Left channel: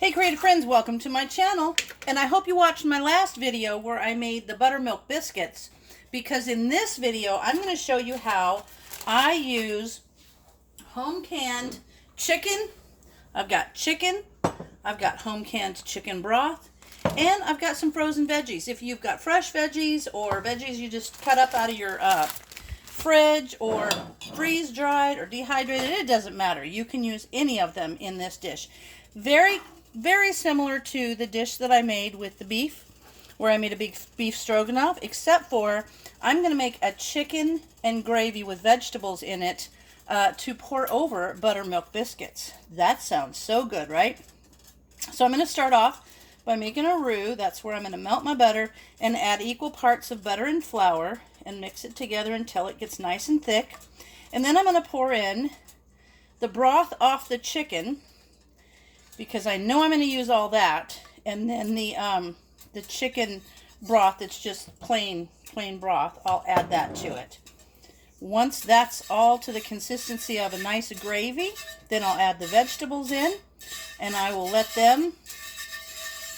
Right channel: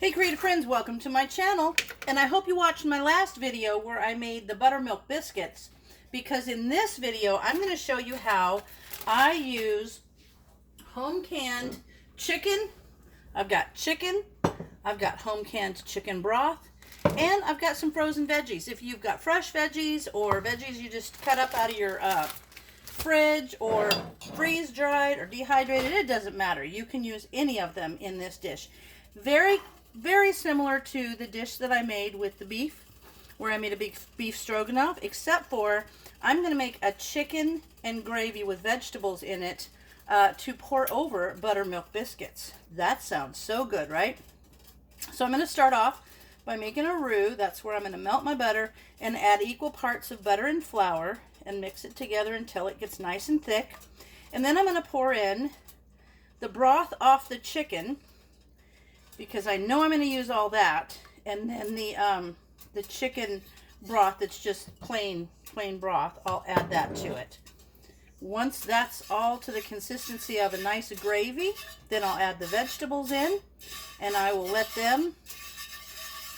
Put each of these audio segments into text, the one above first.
Hey creative friends, welcome to my channel, and I hope you watched my last video where I made the buttermilk biscuits, because in this video I'm going to show you how I use home canned chicken. I've got chicken, I've got home canned chicken broth, and I've got some frozen veggies. If you've got fresh veggies or veggies you just cut up out of your fridge or freeze dried or dehydrated, it doesn't matter. You can use any of them in this dish. Very similar to the dish that I made with the beef, where I made a beef stroganoff, except for I'm going to make a chicken and gravy with vegetables in it to pour over buttermilk biscuits. That sounds so good, right? So I'm going to start off by making a roux. That's where I'm going to melt my butter and add equal parts of butter and flour and mix it together until it gets nice and thick. And then I'm going to pour in the broth off the chicken, because I know I'm going to use all that, and then the chicken broth that's just plain broth, I'll add that to it. Once that's all to the consistency of a nice gravy, then I'll add the vegetables in, and I will let them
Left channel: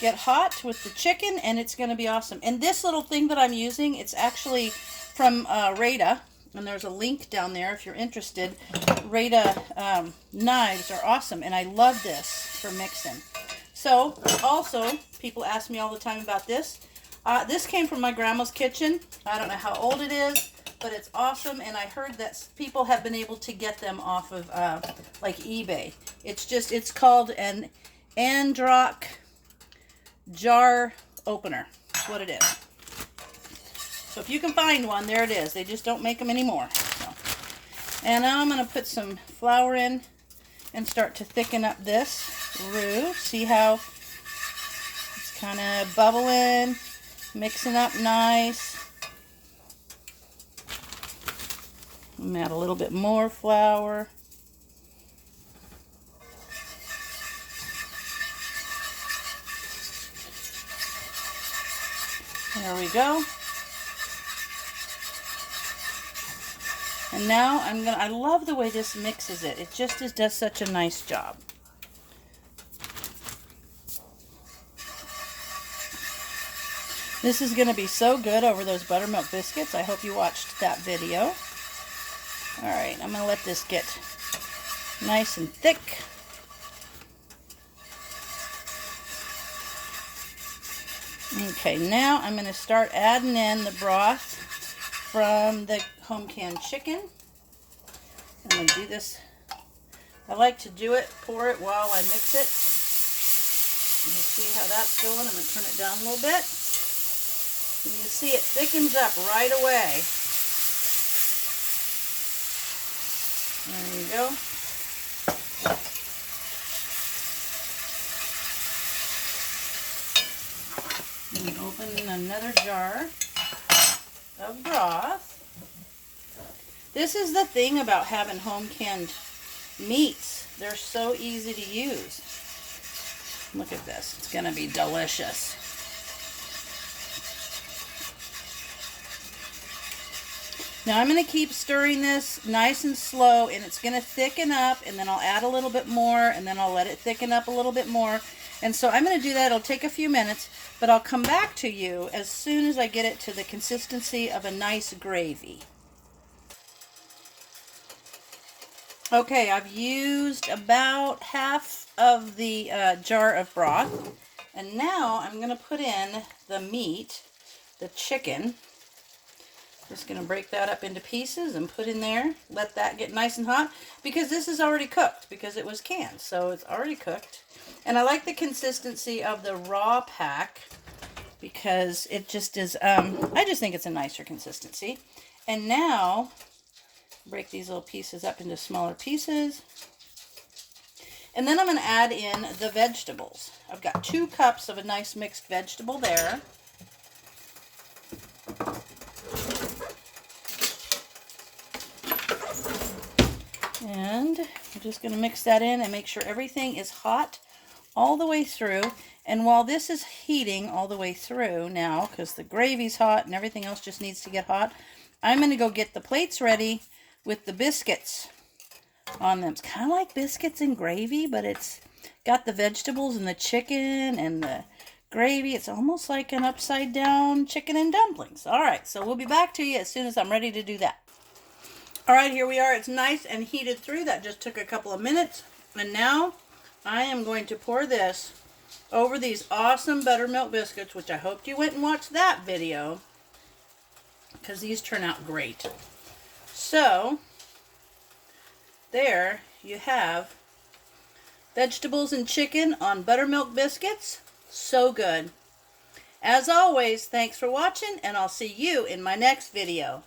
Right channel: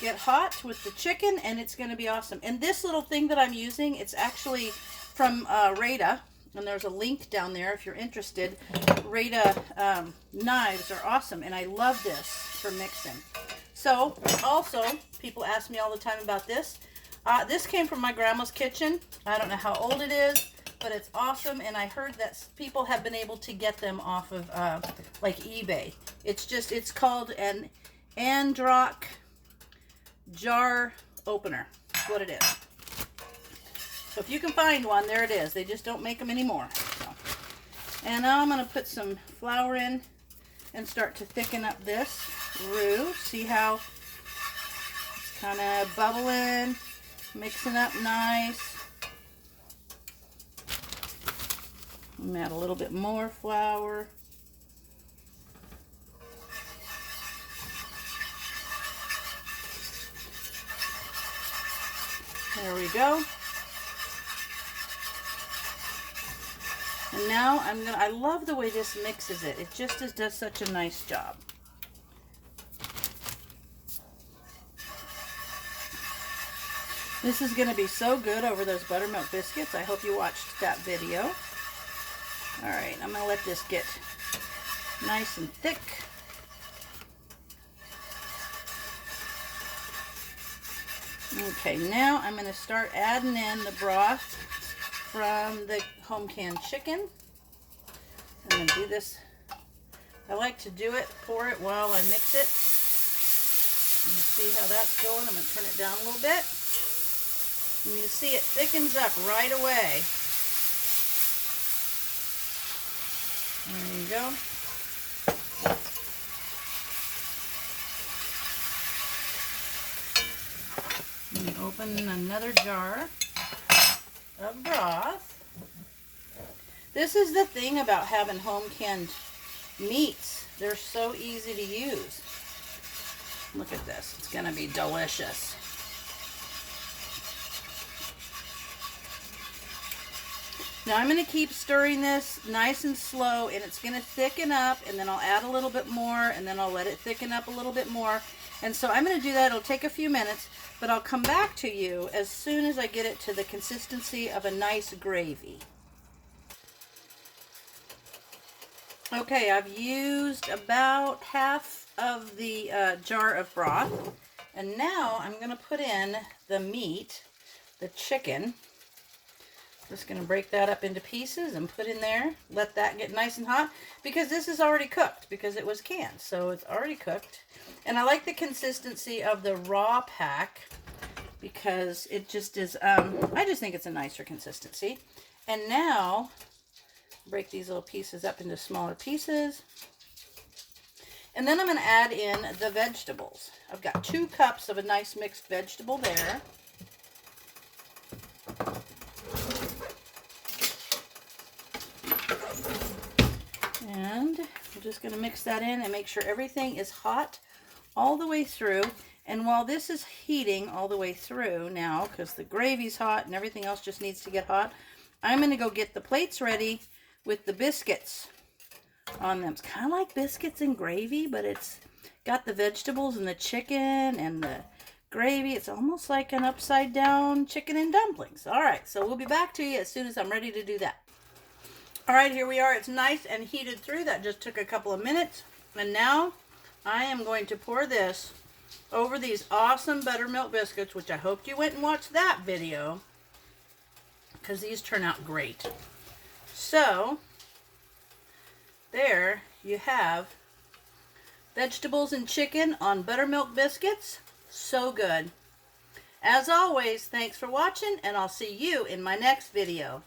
get hot with the chicken, and it's going to be awesome. And this little thing that I'm using, it's actually from Rada, and there's a link down there if you're interested. Rada knives are awesome, and I love this for mixing. So, also, people ask me all the time about this. This came from my grandma's kitchen. I don't know how old it is, but it's awesome, and I heard that people have been able to get them off of, like, eBay. It's called an Androck jar opener. That's what it is. So if you can find one, there it is. They just don't make them anymore. So. And now I'm going to put some flour in and start to thicken up this roux. See how it's kind of bubbling, mixing up nice. I'm going to add a little bit more flour. There we go. And now I love the way this mixes it. It just does such a nice job. This is going to be so good over those buttermilk biscuits. I hope you watched that video. All right, I'm going to let this get nice and thick. Okay, now I'm going to start adding in the broth from the home canned chicken. I'm going to do this. I like to do it, pour it while I mix it. And you see how that's going. I'm going to turn it down a little bit. And you see it thickens up right away. There you go. And open another jar of broth. This is the thing about having home canned meats. They're so easy to use. Look at this. It's going to be delicious. Now I'm going to keep stirring this nice and slow, and it's going to thicken up, and then I'll add a little bit more, and then I'll let it thicken up a little bit more. And so I'm going to do that. It'll take a few minutes, but I'll come back to you as soon as I get it to the consistency of a nice gravy. Okay, I've used about half of the jar of broth, and now I'm going to put in the meat, the chicken. Just going to break that up into pieces and put in there. Let that get nice and hot, because this is already cooked, because it was canned, so it's already cooked. And I like the consistency of the raw pack, because it just is, I just think it's a nicer consistency. And now, break these little pieces up into smaller pieces. And then I'm going to add in the vegetables. I've got 2 cups of a nice mixed vegetable there. And I'm just going to mix that in and make sure everything is hot all the way through. And while this is heating all the way through now, because the gravy's hot and everything else just needs to get hot, I'm going to go get the plates ready with the biscuits on them. It's kind of like biscuits and gravy, but it's got the vegetables and the chicken and the gravy. It's almost like an upside down chicken and dumplings. All right, so we'll be back to you as soon as I'm ready to do that. All right, here we are. It's nice and heated through. That just took a couple of minutes. And now I am going to pour this over these awesome buttermilk biscuits, which I hoped you went and watched that video, because these turn out great. So there you have vegetables and chicken on buttermilk biscuits. So good. As always, thanks for watching, and I'll see you in my next video.